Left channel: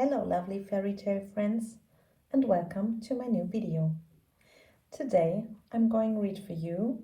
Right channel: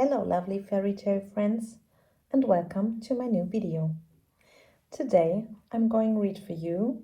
Hello lovely fairy tale friends and welcome to my new video. Today I'm going to read for you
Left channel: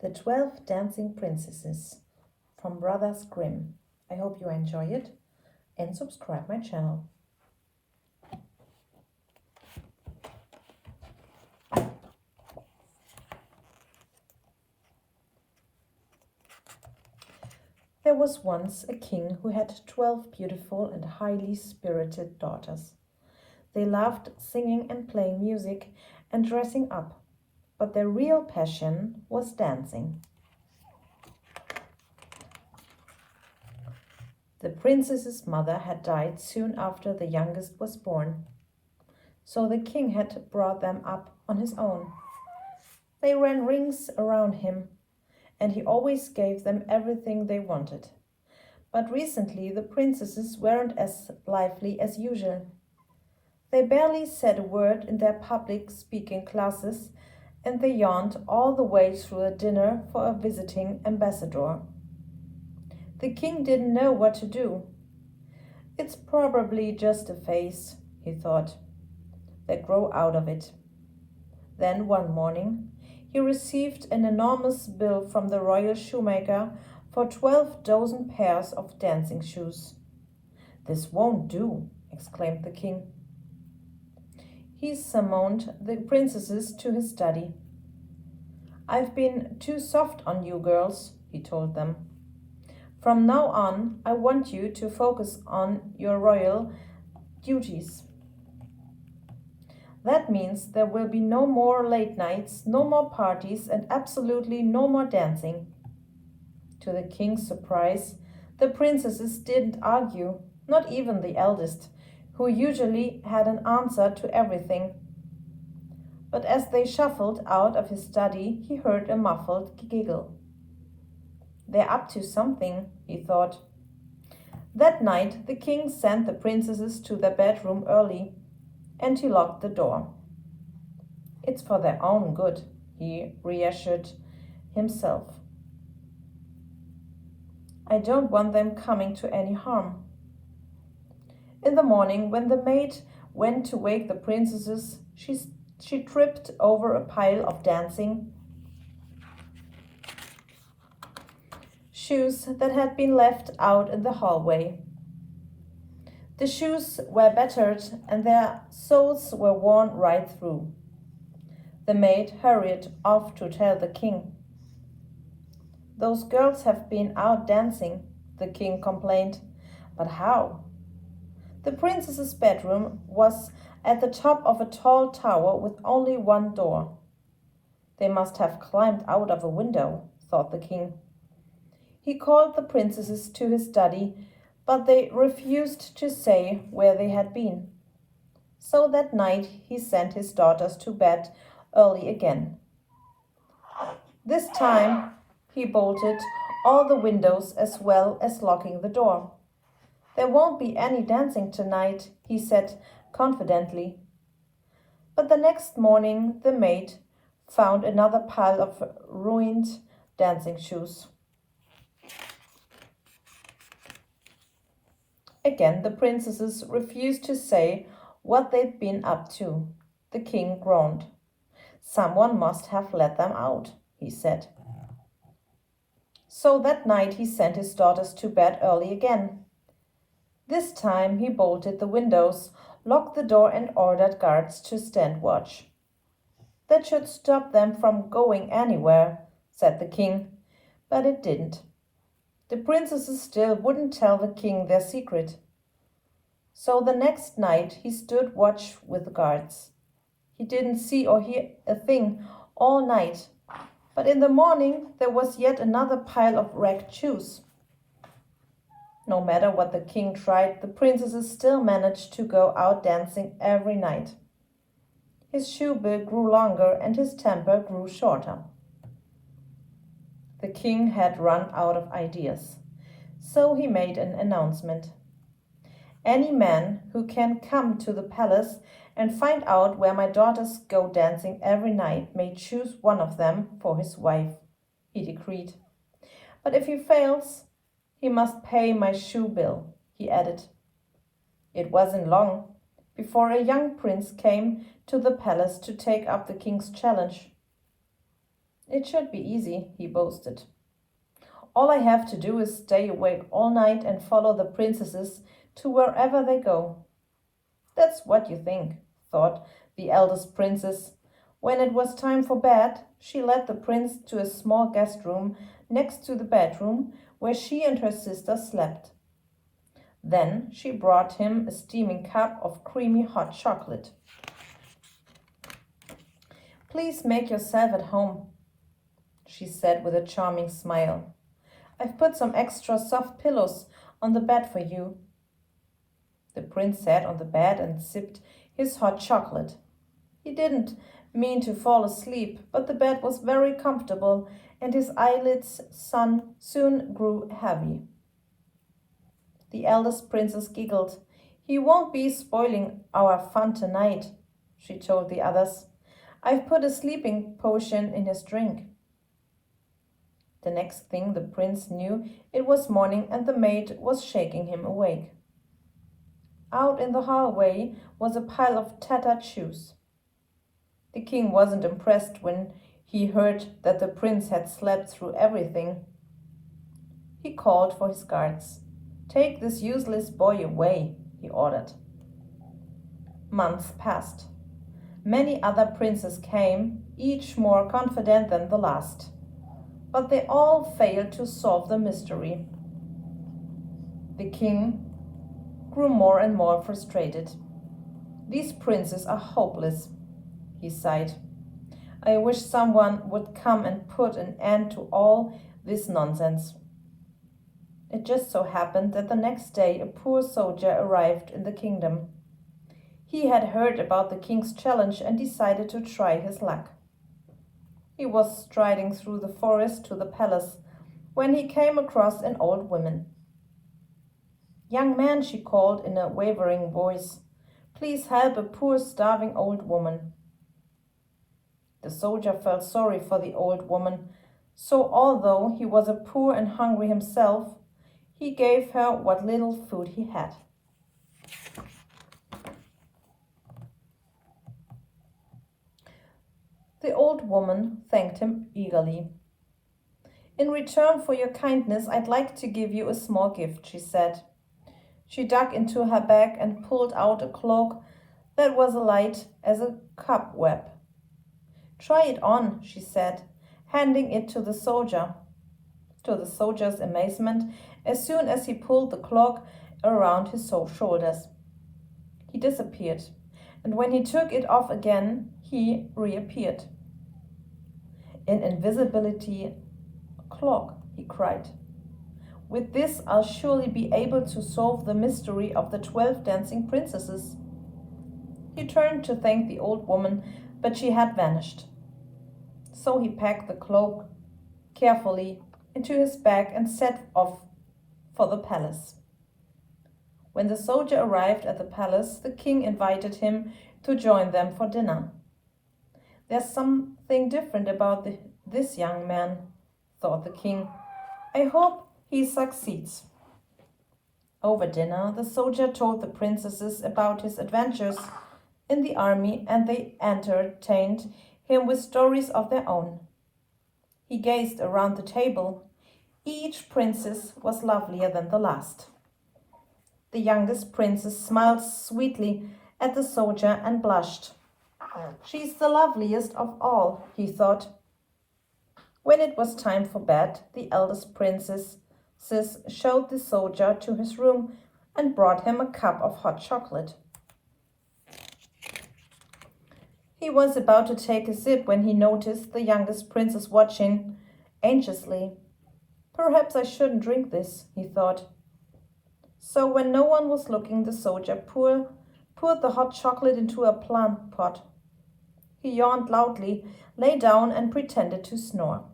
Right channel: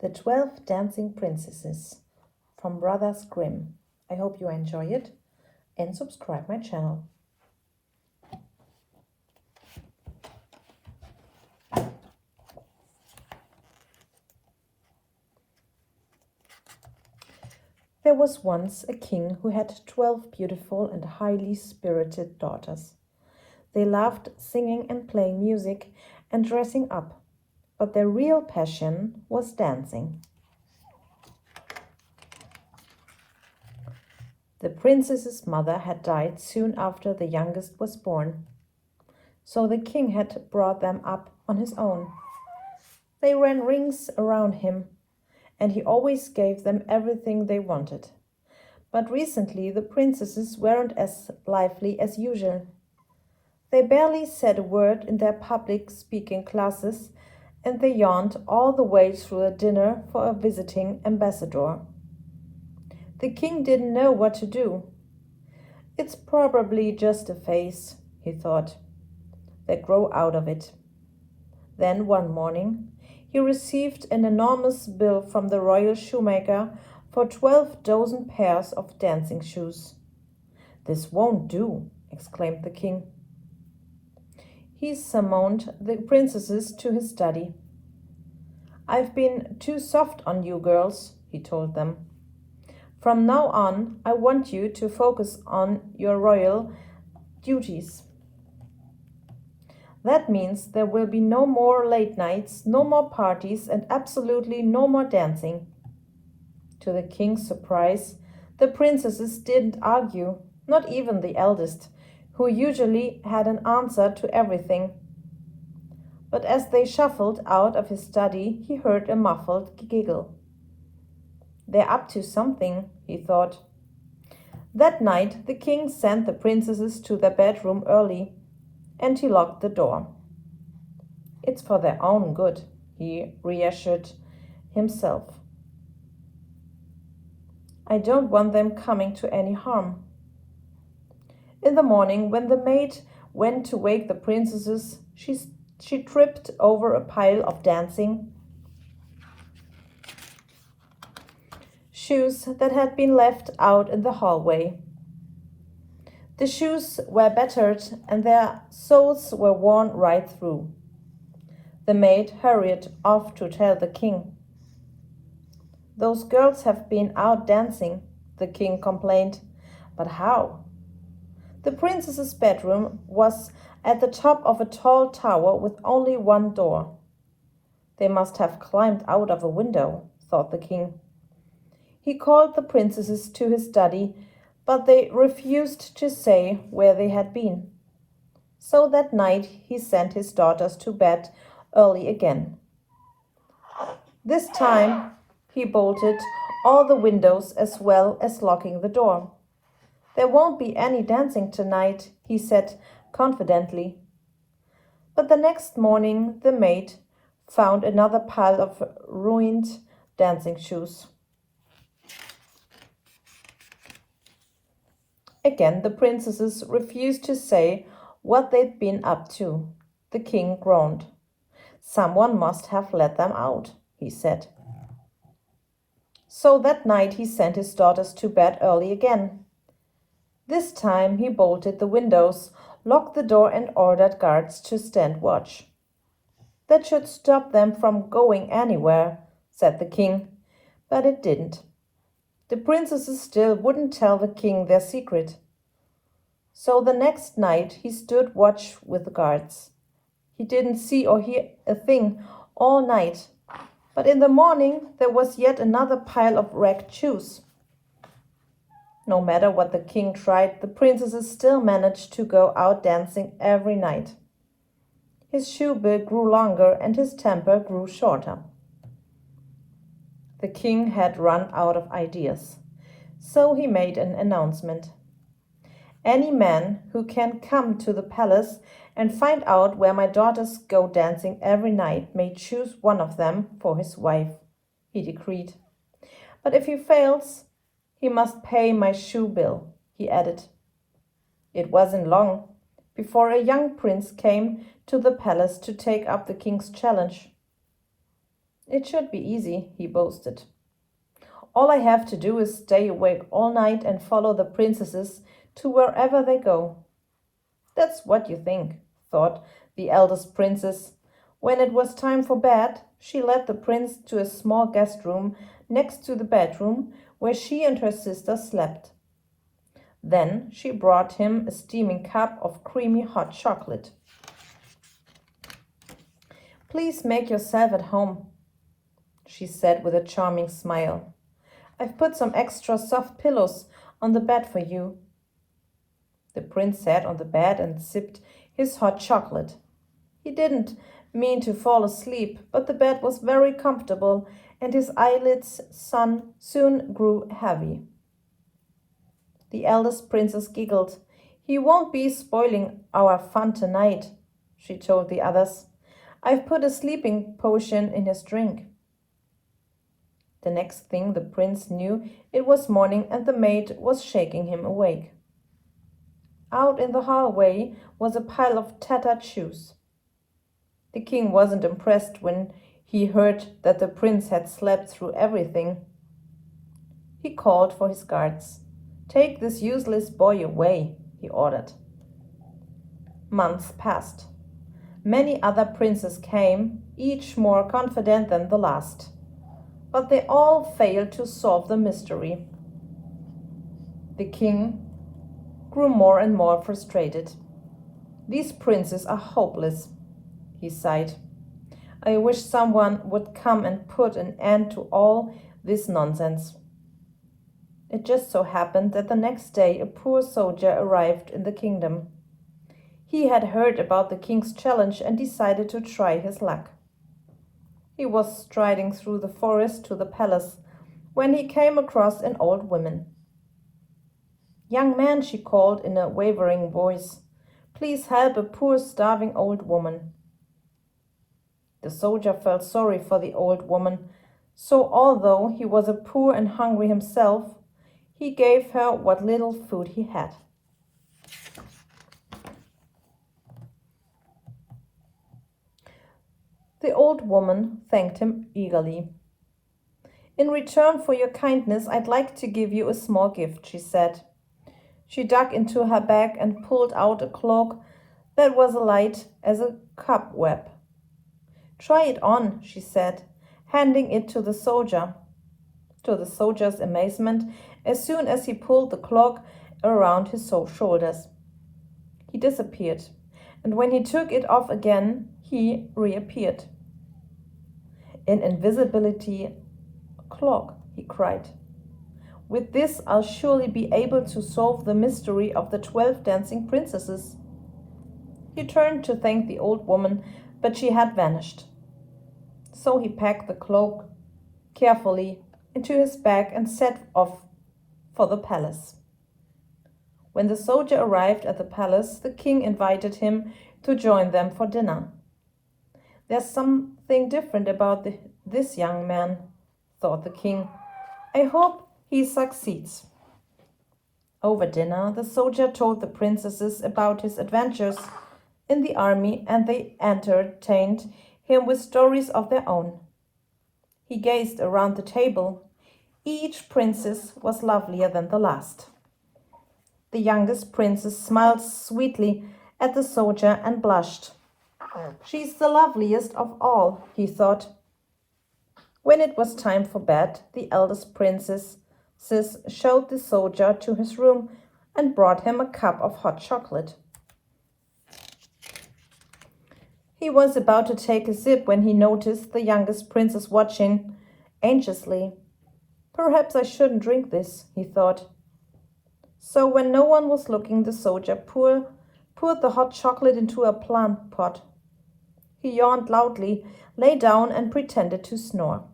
The 12 Dancing Princesses from Brothers Grimm. I hope you enjoy it and subscribe my channel. There was once a king who had 12 beautiful and highly spirited daughters. They loved singing and playing music and dressing up, but their real passion was dancing. The princess's mother had died soon after the youngest was born, so the king had brought them up on his own. They ran rings around him, and he always gave them everything they wanted. But recently the princesses weren't as lively as usual. They barely said a word in their public speaking classes, and they yawned all the way through a dinner for a visiting ambassador. The king didn't know what to do. It's probably just a phase, he thought. They grow out of it. Then one morning he received an enormous bill from the royal shoemaker for 12 dozen pairs of dancing shoes. "This won't do," exclaimed the king. He summoned the princesses to his study. "I've been too soft on you girls," he told them. "From now on, I want you to focus on your royal duties. That means there will be no more late nights, no more parties, and absolutely no more dancing." To the king's surprise, the princesses didn't argue, not even the eldest, who usually had an answer to everything. But as they shuffled out of his study, he heard a muffled giggle. "They're up to something," he thought. That night the king sent the princesses to their bedroom early, and he locked the door. "It's for their own good," he reassured himself. "I don't want them coming to any harm." In the morning, when the maid went to wake the princesses, she tripped over a pile of dancing shoes that had been left out in the hallway. The shoes were battered and their soles were worn right through. The maid hurried off to tell the king. "Those girls have been out dancing," the king complained. "But how?" The princess's bedroom was at the top of a tall tower with only one door. "They must have climbed out of a window," thought the king. He called the princesses to his study, but they refused to say where they had been. So that night he sent his daughters to bed early again. This time he bolted all the windows as well as locking the door. "There won't be any dancing tonight," he said confidently. But the next morning the maid found another pile of ruined dancing shoes. Again the princesses refused to say what they'd been up to. The king groaned. "Someone must have let them out," he said. So that night he sent his daughters to bed early again. This time he bolted the windows, locked the door and ordered guards to stand watch. "That should stop them from going anywhere," said the king, but it didn't. The princesses still wouldn't tell the king their secret. So the next night he stood watch with the guards. He didn't see or hear a thing all night, but in the morning there was yet another pile of wrecked shoes. No matter what the king tried, the princesses still managed to go out dancing every night. His shoe bill grew longer and his temper grew shorter. The king had run out of ideas, so he made an announcement. "Any man who can come to the palace and find out where my daughters go dancing every night may choose one of them for his wife," he decreed. "But if he fails, he must pay my shoe bill," he added. It wasn't long before a young prince came to the palace to take up the king's challenge. It should be easy, he boasted. All I have to do is stay awake all night and follow the princesses to wherever they go. That's what you think, thought the eldest princess. When it was time for bed, she led the prince to a small guest room next to the bedroom where she and her sister slept. Then she brought him a steaming cup of creamy hot chocolate. Please make yourself at home, she said with a charming smile. I've put some extra soft pillows on the bed for you. The prince sat on the bed and sipped his hot chocolate. He didn't mean to fall asleep, but the bed was very comfortable and his eyelids soon grew heavy. The eldest princess giggled. He won't be spoiling our fun tonight, she told the others. I've put a sleeping potion in his drink. The next thing the prince knew, it was morning and the maid was shaking him awake. Out in the hallway was a pile of tattered shoes. The king wasn't impressed when he heard that the prince had slept through everything. He called for his guards. Take this useless boy away, he ordered. Months passed. Many other princes came, each more confident than the last. But they all failed to solve the mystery. The king grew more and more frustrated. These princes are hopeless, he sighed. I wish someone would come and put an end to all this nonsense. It just so happened that the next day a poor soldier arrived in the kingdom. He had heard about the king's challenge and decided to try his luck. He was striding through the forest to the palace when he came across an old woman. Young man, she called in a wavering voice, please help a poor starving old woman. The soldier felt sorry for the old woman, so although he was a poor and hungry himself, he gave her what little food he had. The old woman thanked him eagerly. In return for your kindness, I'd like to give you a small gift, she said. She dug into her bag and pulled out a cloak that was light as a cobweb. Try it on, she said, handing it to the soldier. To the soldier's amazement, as soon as he pulled the cloak around his shoulders, he disappeared, and when he took it off again, he reappeared. An invisibility cloak, he cried. With this, I'll surely be able to solve the mystery of the 12 dancing princesses. He turned to thank the old woman, but she had vanished. So he packed the cloak carefully into his bag and set off for the palace. When the soldier arrived at the palace, the king invited him to join them for dinner. There's something different about this young man, thought the king. I hope he succeeds. Over dinner, the soldier told the princesses about his adventures in the army, and they entertained him with stories of their own. He gazed around the table. Each princess was lovelier than the last. The youngest princess smiled sweetly at the soldier and blushed. She's the loveliest of all, he thought. When it was time for bed, the eldest princess showed the soldier to his room and brought him a cup of hot chocolate. He was about to take a sip when he noticed the youngest princess watching anxiously. Perhaps I shouldn't drink this, he thought. So when no one was looking, the soldier poured the hot chocolate into a plant pot. He yawned loudly, lay down and pretended to snore.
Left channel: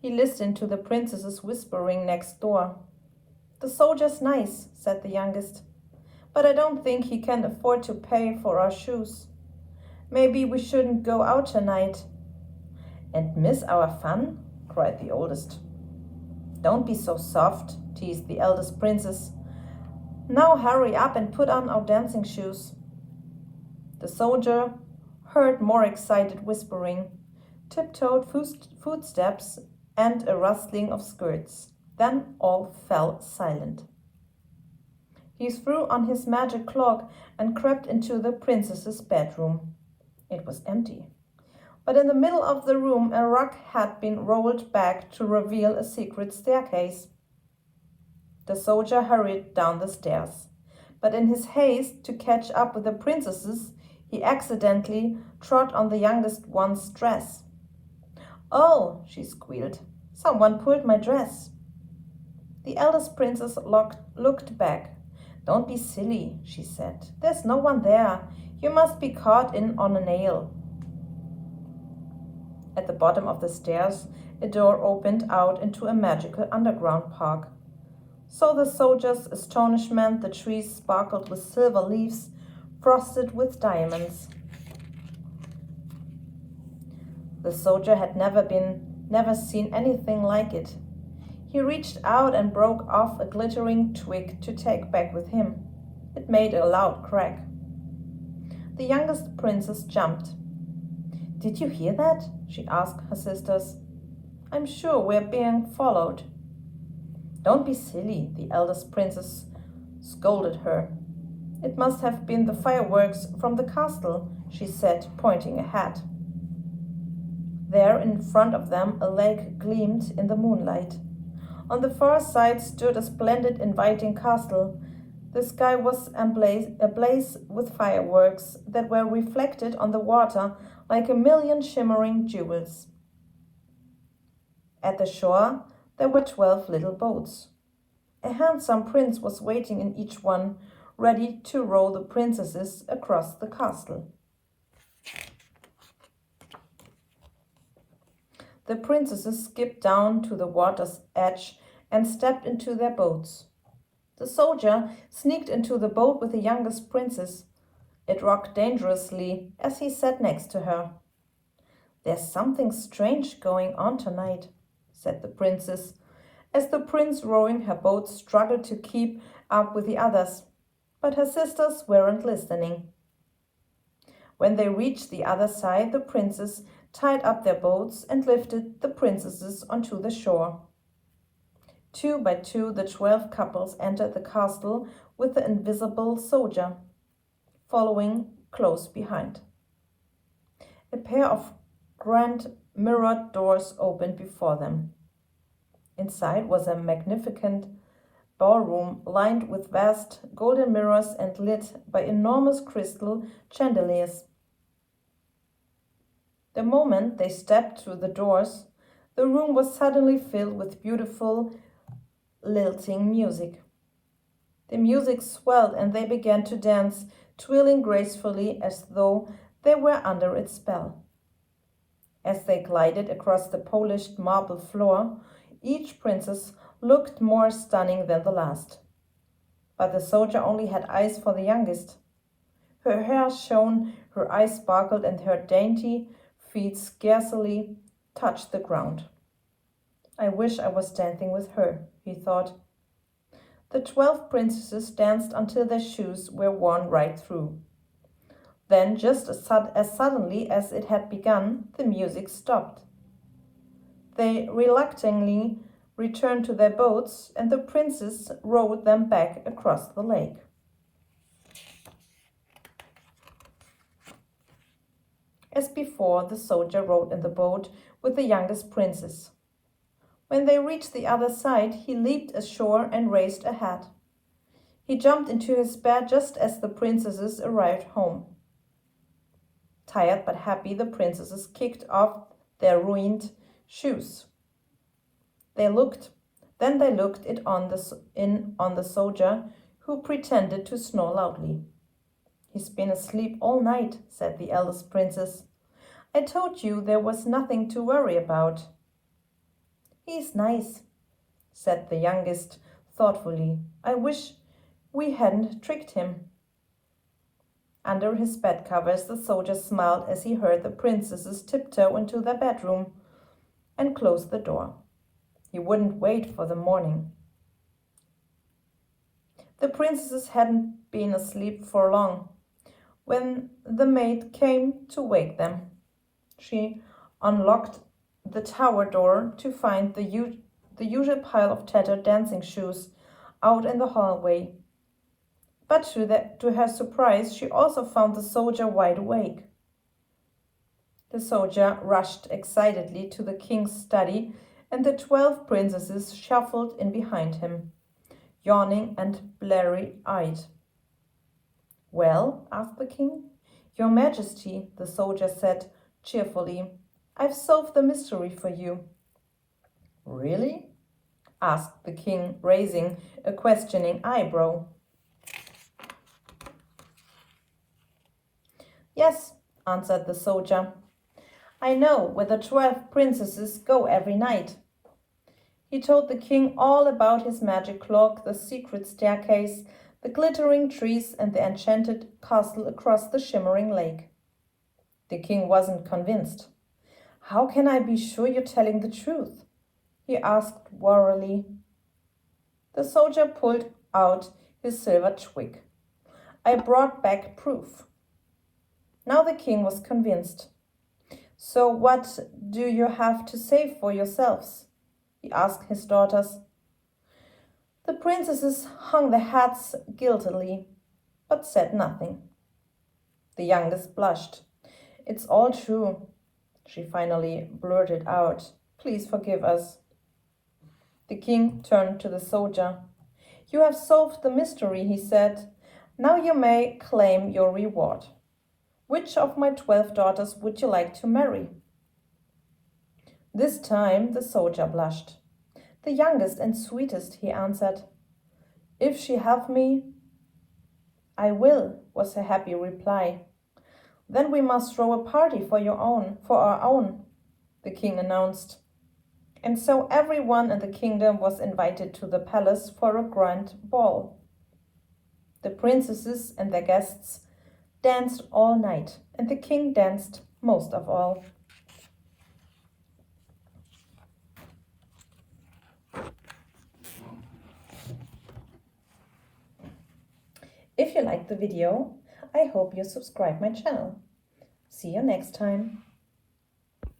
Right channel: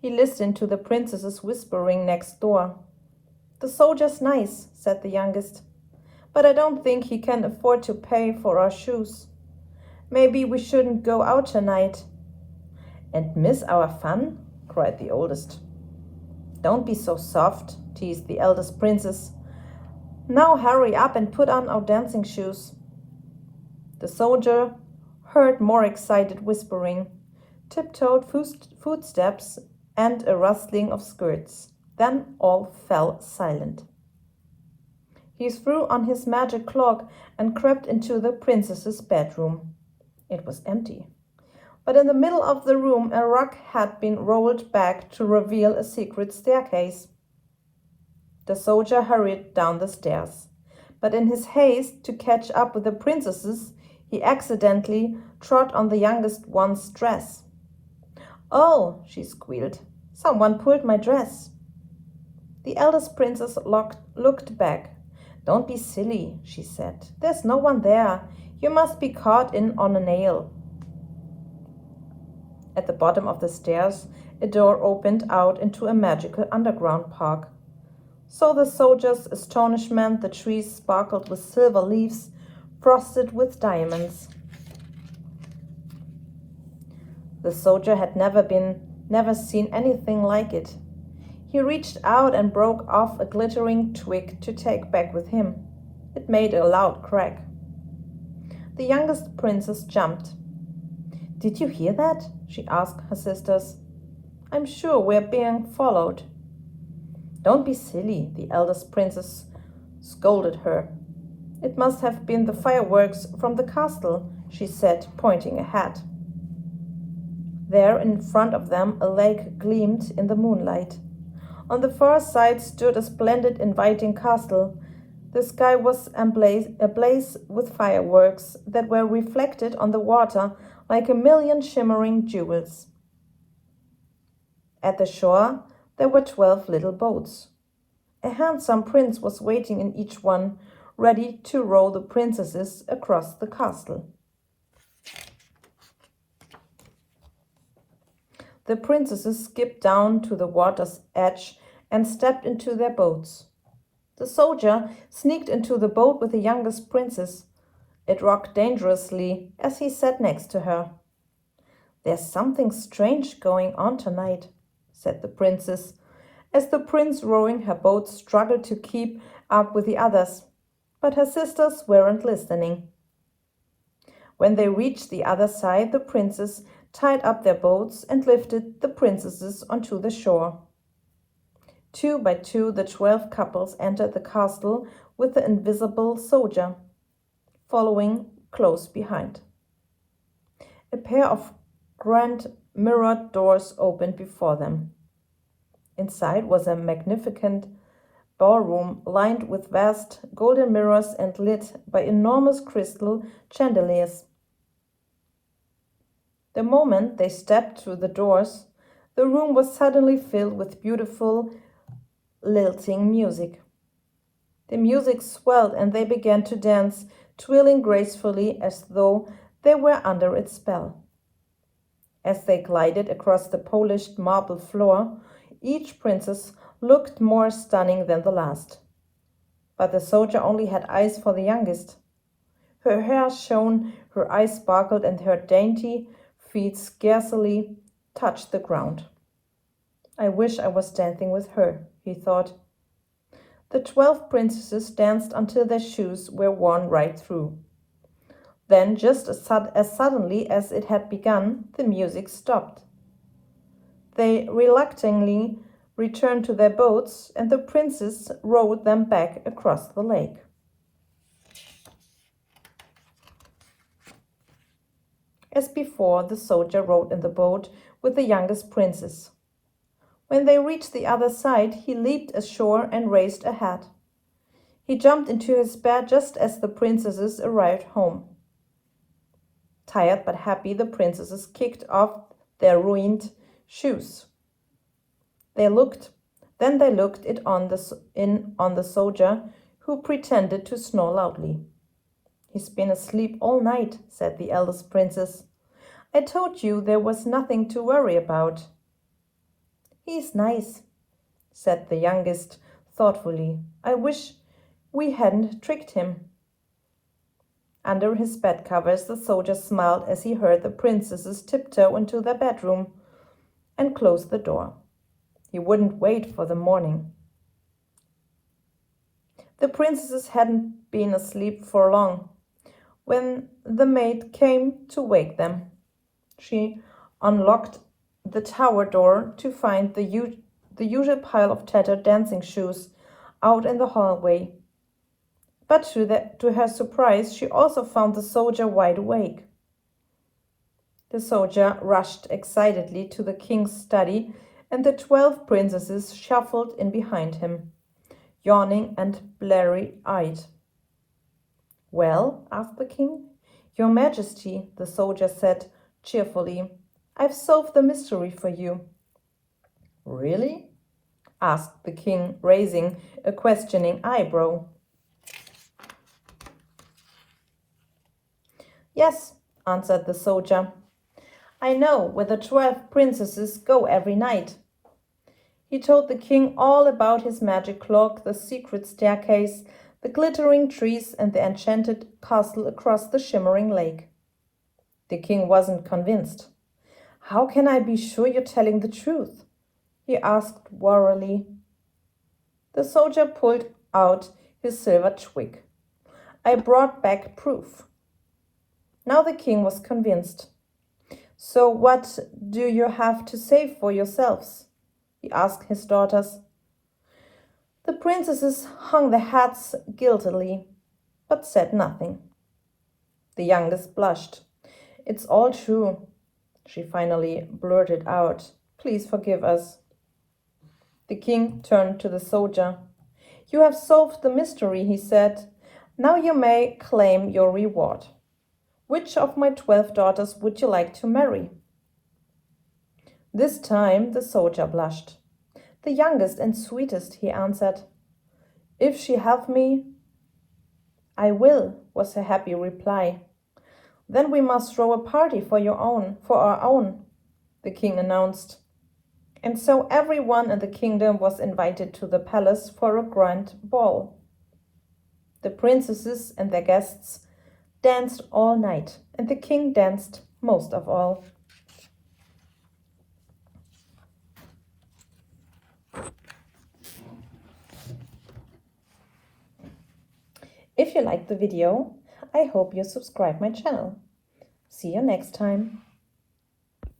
He listened to the princesses whispering next door. The soldier's nice, said the youngest, but I don't think he can afford to pay for our shoes. Maybe we shouldn't go out tonight. And miss our fun? Cried the oldest. Don't be so soft, teased the eldest princess. Now hurry up and put on our dancing shoes." The soldier heard more excited whispering, tiptoed footsteps, and a rustling of skirts. Then all fell silent. He threw on his magic cloak and crept into the princess's bedroom. It was empty. But in the middle of the room a rug had been rolled back to reveal a secret staircase. The soldier hurried down the stairs, but in his haste to catch up with the princesses, he accidentally trod on the youngest one's dress. "Oh," she squealed, "someone pulled my dress." The eldest princess looked back. "Don't be silly," she said. "There's no one there. You must be caught in on a nail." At the bottom of the stairs, a door opened out into a magical underground park. So the soldier's astonishment, the trees sparkled with silver leaves, frosted with diamonds. The soldier had never seen anything like it. He reached out and broke off a glittering twig to take back with him. It made a loud crack. The youngest princess jumped. "Did you hear that?" she asked her sisters. "I'm sure we're being followed." "Don't be silly," the eldest princess scolded her. "It must have been the fireworks from the castle," she said, pointing ahead. There in front of them a lake gleamed in the moonlight. On the far side stood a splendid, inviting castle. The sky was ablaze with fireworks that were reflected on the water like a million shimmering jewels. At the shore there were 12 little boats. A handsome prince was waiting in each one, ready to row the princesses across the castle. The princesses skipped down to the water's edge and stepped into their boats. The soldier sneaked into the boat with the youngest princess. It rocked dangerously as he sat next to her. "There's something strange going on tonight," said the princess, as the prince rowing her boat struggled to keep up with the others. But her sisters weren't listening. When they reached the other side, the princes tied up their boats and lifted the princesses onto the shore. 2 by 2, the 12 couples entered the castle with the invisible soldier following close behind. A pair of grand mirrored doors opened before them. Inside was a magnificent ballroom lined with vast golden mirrors and lit by enormous crystal chandeliers. The moment they stepped through the doors, the room was suddenly filled with beautiful, lilting music. The music swelled and they began to dance, twirling gracefully as though they were under its spell. As they glided across the polished marble floor, each princess looked more stunning than the last. But the soldier only had eyes for the youngest. Her hair shone, her eyes sparkled, and her dainty feet scarcely touched the ground. "I wish I was dancing with her," he thought. The 12 princesses danced until their shoes were worn right through. Then, just as suddenly as it had begun, the music stopped. They reluctantly returned to their boats, and the princes rowed them back across the lake. As before, the soldier rowed in the boat with the youngest princess. When they reached the other side, he leaped ashore and raced ahead. He jumped into his bed just as the princesses arrived home. Tired but happy, the princesses kicked off their ruined shoes. They looked on the soldier, who pretended to snore loudly. "He's been asleep all night," said the eldest princess. "I told you there was nothing to worry about." "He's nice," said the youngest thoughtfully. "I wish we hadn't tricked him." Under his bed covers, the soldier smiled as he heard the princesses tiptoe into their bedroom and close the door. He wouldn't wait for the morning. The princesses hadn't been asleep for long when the maid came to wake them. She unlocked the tower door to find the usual pile of tattered dancing shoes out in the hallway. But to her surprise, she also found the soldier wide awake. The soldier rushed excitedly to the king's study, and the 12 princesses shuffled in behind him, yawning and bleary-eyed. "Well?" asked the king. "Your Majesty," the soldier said cheerfully, "I've solved the mystery for you." "Really?" asked the king, raising a questioning eyebrow. "Yes," answered the soldier. "I know where the 12 princesses go every night." He told the king all about his magic cloak, the secret staircase, the glittering trees, and the enchanted castle across the shimmering lake. The king wasn't convinced. "How can I be sure you're telling the truth?" he asked warily. The soldier pulled out his silver twig. "I brought back proof." Now the king was convinced. "So what do you have to say for yourselves?" he asked his daughters. The princesses hung their heads guiltily, but said nothing. The youngest blushed. "It's all true," she finally blurted out. "Please forgive us." The king turned to the soldier. "You have solved the mystery," he said. "Now you may claim your reward. Which of my 12 daughters would you like to marry?" This time the soldier blushed. "The youngest and sweetest," he answered. "If she have me." "I will," was her happy reply. "Then we must throw a party for our own," the king announced. And so everyone in the kingdom was invited to the palace for a grand ball. The princesses and their guests danced all night, and the king danced most of all. If you liked the video, I hope you subscribe my channel. See you next time.